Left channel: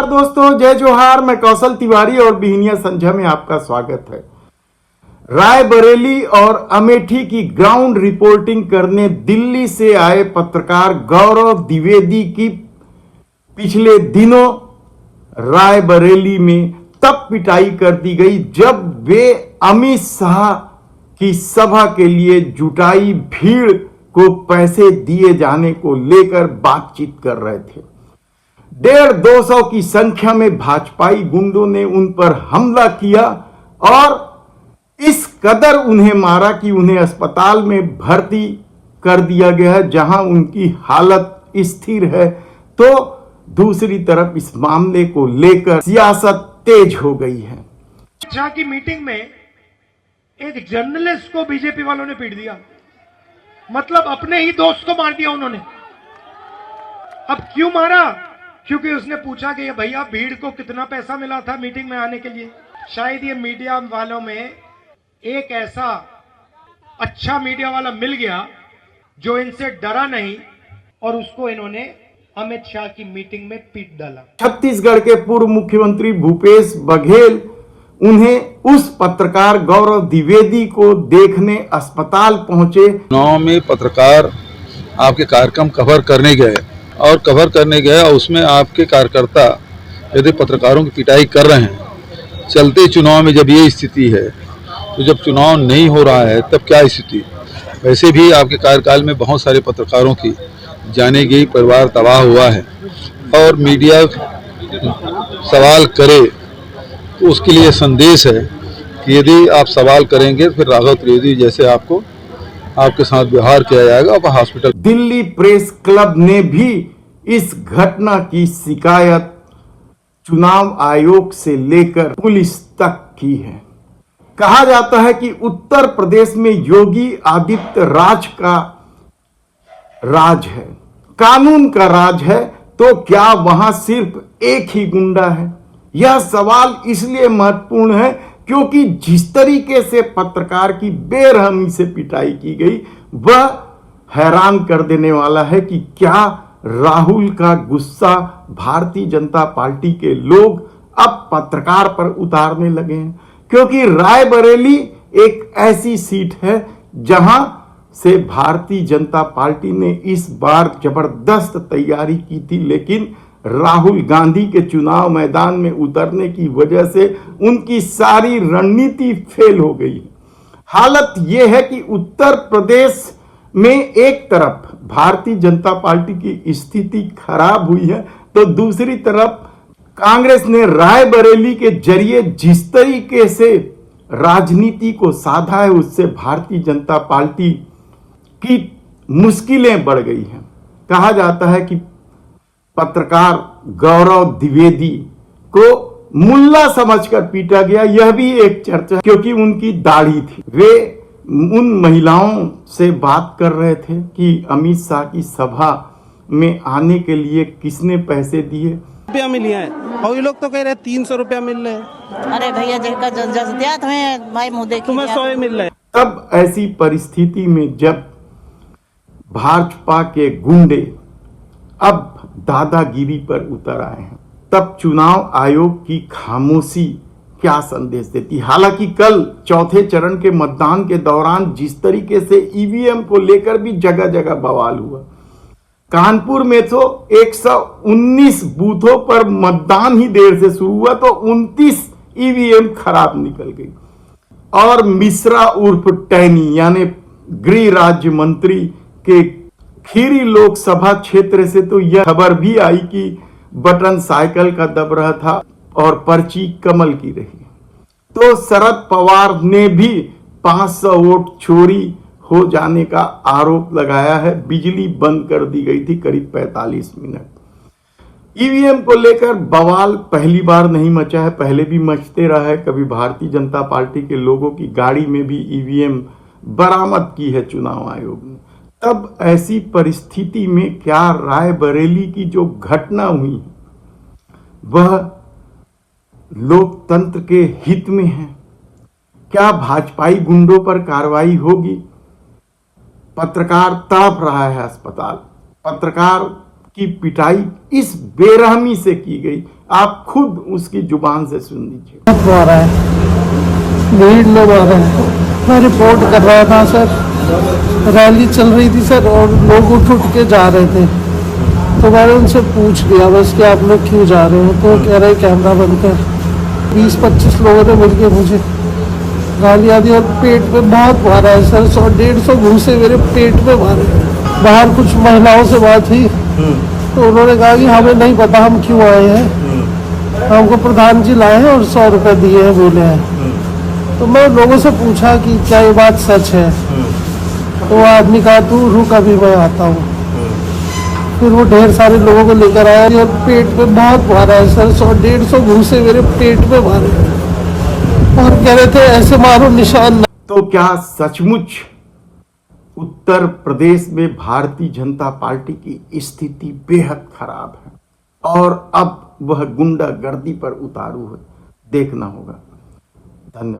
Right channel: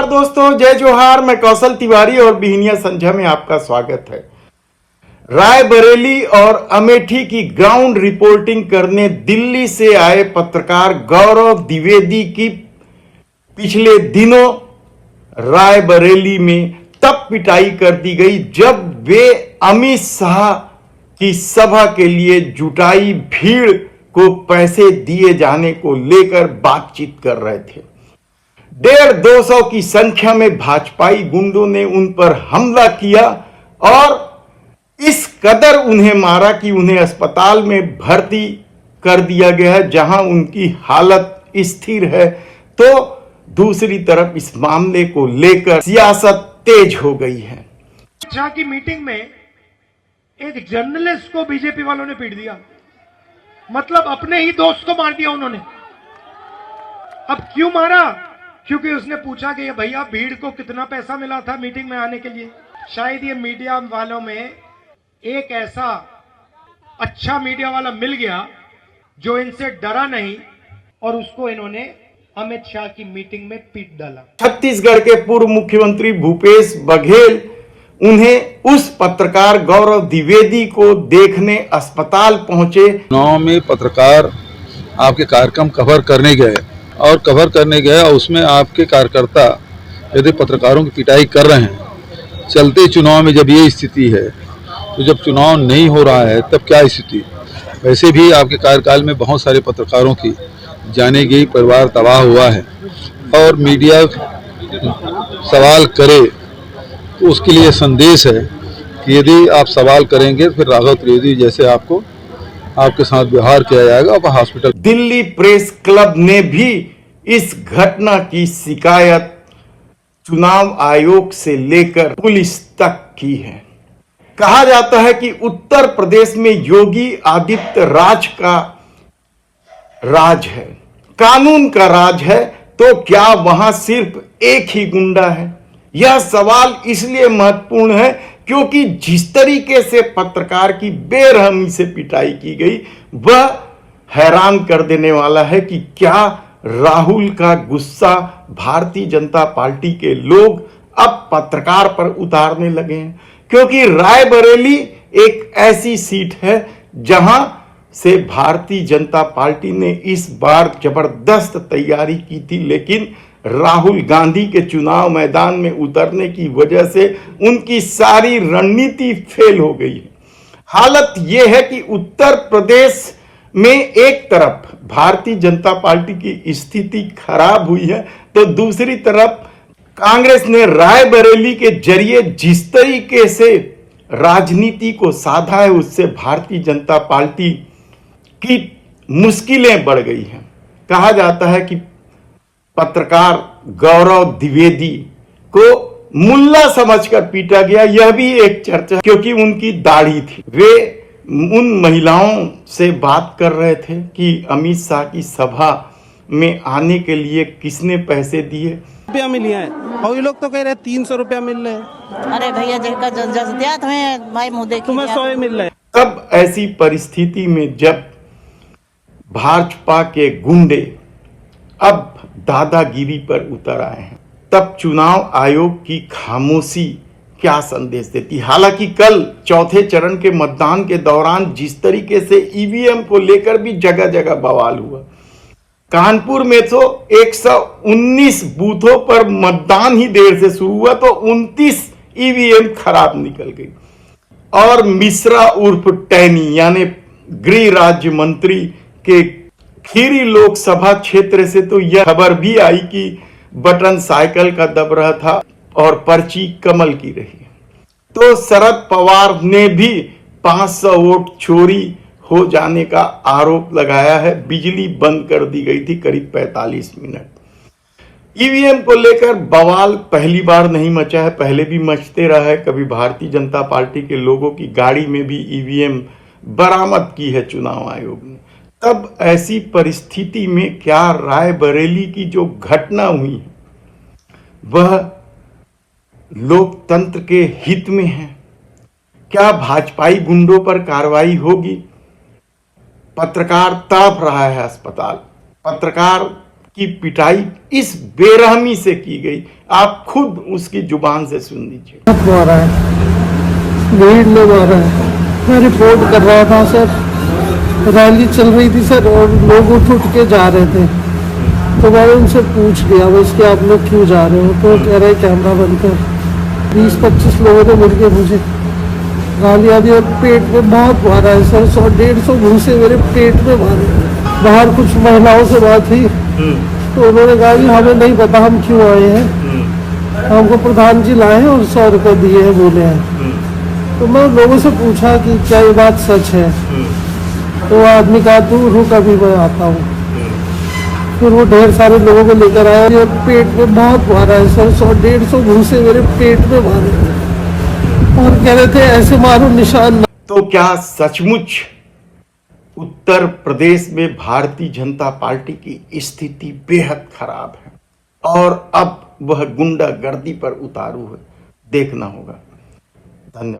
नमस्कार दोस्तों, जय जोहार। मैं कौशल तिवारी और बिहनिया संझा में आपका स्वागत है। रायबरेली और अमेठी की ग्राउंड रिपोर्टिंग करने दिल्ली से आए पत्रकार गौरव द्विवेदी की पिछले दिनों रायबरेली में तब पिटाई कर दी गई जब वे अमित शाह की सभा के लिए जुटाई भीड़ को पैसे दिए जाने को लेकर बातचीत कर रहे थे। 150-200 की संख्या में भाजपाई गुंडों ने उन पर हमला किया और इस कदर उन्हें मारा कि उन्हें अस्पताल में भर्ती कर दिया गया है, जहां उनकी हालत स्थिर है। तो दूसरी तरफ इस मामले को लेकर सियासत तेज हो गई है। शाह की मीटिंग में एक जर्नलिस्ट को बीजेपी वालों ने पीट दिया, मतलब अपने ही दोस्त को मार दिया उन्होंने। अब क्यों मारा? क्योंकि उसने पूछा कि ये भैया भीड़ को कितना पैसा मिला था मीटिंग में आने के लिए। शायद ये मीडिया वालों में एक ऐसा अच्छा मीडिया वाला मिल गया जो इनसे डरा नहीं और उसको इन्होंने अमित शाह की मीटिंग में पीट डाला। छत्तीसगढ़ के पूर्व मुख्यमंत्री भूपेश बघेल उन्हें उस पत्रकार गौरव द्विवेदी को देखने अस्पताल पहुंचे। चुनाव में पत्रकार आपके कार्यक्रम कवर करने गए और उसमें आपके कार्यकर्ता यदि पत्रकारों की पिटाई कर रहे हैं, चलते चुनाव में जब ये स्थिति है तो जब चुनाव नहीं हो रहा है तब क्या स्थिति? वैसे भी आपके कार्यकाल में बहुत सारे पत्रकारों की जाने गई, परिवार तबाह हुआ है और मीडिया सवाल करे तो उसके लिए संदेश है कि यदि आप सवाल करेंगे तो फिर राघव त्रिवेदी जैसे आपके साथ व्यवहार किया जाएगा और हॉस्पिटल। दिल्ली प्रेस क्लब ने भी इस घटना की शिकायत चुनाव आयोग से लेकर पुलिस तक की है। कहा जाता है कि उत्तर प्रदेश में योगी आदित्य राज का राज है, कानून का राज है, तो क्या वहां सिर्फ एक ही गुंडा है? यह सवाल इसलिए महत्वपूर्ण है क्योंकि जिस तरीके से पत्रकार की बेरहमी से पिटाई की गई वह हैरान कर देने वाला है कि क्या राहुल का गुस्सा भारतीय जनता पार्टी के लोग अब पत्रकार पर उतारने लगे हैं। क्योंकि रायबरेली एक ऐसी सीट है जहां से भारतीय जनता पार्टी ने इस बार जबरदस्त तैयारी की थी, लेकिन राहुल गांधी के चुनाव मैदान में उतरने की वजह से उनकी सारी रणनीति फेल हो गई है। हालत यह है कि उत्तर प्रदेश में एक तरफ भारतीय जनता पार्टी की स्थिति खराब हुई है तो दूसरी तरफ कांग्रेस ने रायबरेली के जरिए जिस तरीके से राजनीति को साधा है उससे भारतीय जनता पार्टी की मुश्किलें बढ़ गई हैं। कहा जाता है कि पत्रकार गौरव द्विवेदी को मुल्ला समझकर पीटा गया, यह भी एक चर्चा, क्योंकि उनकी दाढ़ी थी। वे उन महिलाओं से बात कर रहे थे कि अमित शाह की सभा में आने के लिए किसने पैसे दिए। रुपया मिली है और ये लोग तो कह रहे 300 रुपया मिल रहे हैं। अरे भैया दिया तुम्हें भाई मुंह देखी, तुम्हें 100 मिल रहे हैं। तब ऐसी परिस्थिति में जब भाजपा के गुंडे अब दादागिरी पर उतर आए हैं तब चुनाव आयोग की खामोशी क्या संदेश देती। हालांकि कल चौथे चरण के मतदान के दौरान जिस तरीके से ईवीएम को लेकर भी जगह जगह बवाल हुआ, कानपुर में तो 119 बूथों पर मतदान ही देर से शुरू हुआ तो 29 ईवीएम खराब निकल गई। और मिश्रा उर्फ टैनी यानी गृह राज्य मंत्री के खीरी लोकसभा क्षेत्र से तो यह खबर भी आई कि बटन साइकिल का दब रहा था और पर्ची कमल की रही। तो शरद पवार ने भी 500 वोट चोरी हो जाने का आरोप लगाया है। बिजली बंद कर दी गई थी करीब 45 मिनट। ईवीएम को लेकर बवाल पहली बार नहीं मचा है, पहले भी मचते रहा है। कभी भारतीय जनता पार्टी के लोगों की गाड़ी में भी ईवीएम बरामद की है चुनाव आयोग ने। तब ऐसी परिस्थिति में क्या रायबरेली की जो घटना हुई वह लोकतंत्र के हित में है? क्या भाजपाई गुंडों पर कार्रवाई होगी? पत्रकार तड़प रहा है अस्पताल, पत्रकार की पिटाई इस बेरहमी से की गई। आप खुद उसकी जुबान से सुन लीजिए। मारा है, भीड़ ने मारा है। मैं रिपोर्ट कर रहा था सर, रैली चल रही थी सर और लोग उठ के जा रहे थे, तो मैंने उनसे पूछ लिया बस कि आप लोग क्यों जा रहे हो, तो कह रहे कैमरा बंद कर। 20-25 लोगों ने मिलके मुझे गालियां दी और पेट में बहुत मारा है सर। 100-150 घूंसे मेरे पेट में मारे। बाहर कुछ महिलाओं से बात हुई तो उन्होंने कहा कि हमें नहीं पता हम क्यों आए हैं, हमको प्रधान जी लाए हैं और 100 रुपए दिए हैं बोले हैं। तो मैं लोगों से पूछा कि क्या ये बात सच है, तो आदमी कहा तू रुक अभी मैं आता हूँ। फिर वो ढेर सारे लोगों को लेकर आया और पेट में बहुत मारा है सर। 100-150 घूंसे मेरे पेट में मारे और कह रहे थे ऐसे मारो निशान। तो क्या सचमुच उत्तर प्रदेश में भारतीय जनता पार्टी की स्थिति बेहद खराब है और अब वह गुंडागर्दी पर उतारू है? देखना होगा। धन्यवाद।